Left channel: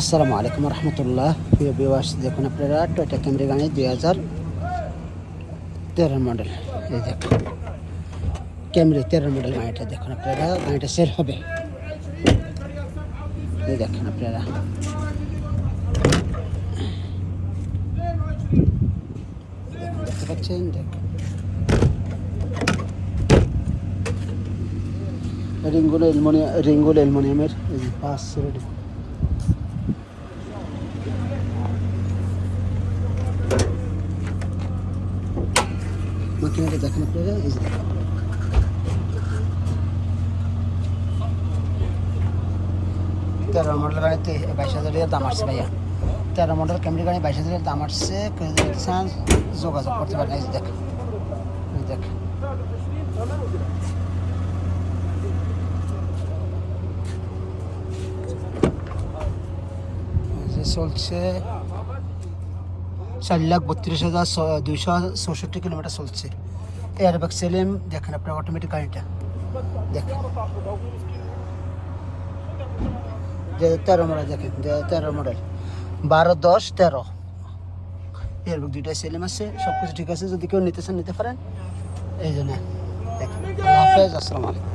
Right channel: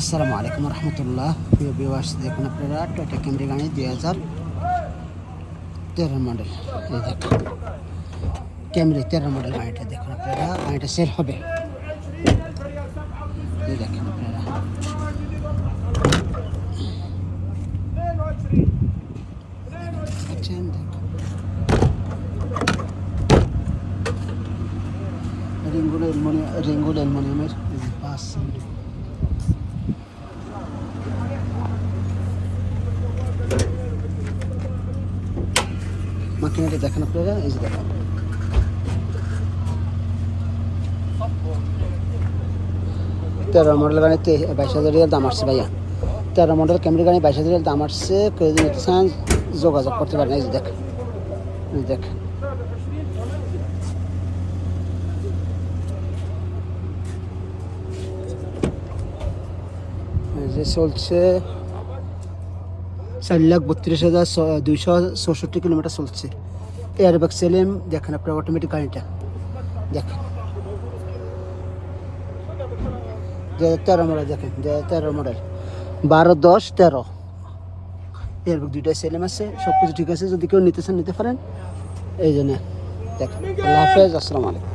আসসালামু আলাইকুম রহমতুল্লাহ। প্রিয় ভিউয়ার্স, দেখুন আপনারা টয়োটা ক্যামরি গাড়ি 2013 মডেল। এই দেখুন ক্যামরি 13 মডেল গাড়িটা দেখুন আপনারা, গাড়িটা সেল হবে। এই দেখুন আপনারা দেখতে পাচ্ছেন। দেখুন রিংগুলো অ্যালুমিনিয়ামের পাঁচ রেডি। মাকিনাটা দেখেন আপনারা, এই যে দেখেন 13 মডেল গাড়িতে 22,000 দাম আসছে ভাইয়া। 13 মডেল ক্যামেরা গাড়ি 22,000 দাম আসছে। কেউ যদি নিতে চান যোগাযোগ করতে পারেন। এই যে দেখেন, এই দেখেন চলছে 4,32,266 কিলোমিটার চলছে। এয়ারব্যাগ সেলেন দেখেন আপনার, অটোমেটিক গাড়িটা দেখেন। 13 মডেল দেখেন, 13 মডেল 12-10-13 এয়ারব্যাগ দুইটাই সেলেম আছে, সব কিছু ঠিক আছে। যদি কেউ নিতে চান নিতে পারেন। এই জন্য দেখেন। আল্লাহ হাফেজ, আসসালামু আলাইকুম।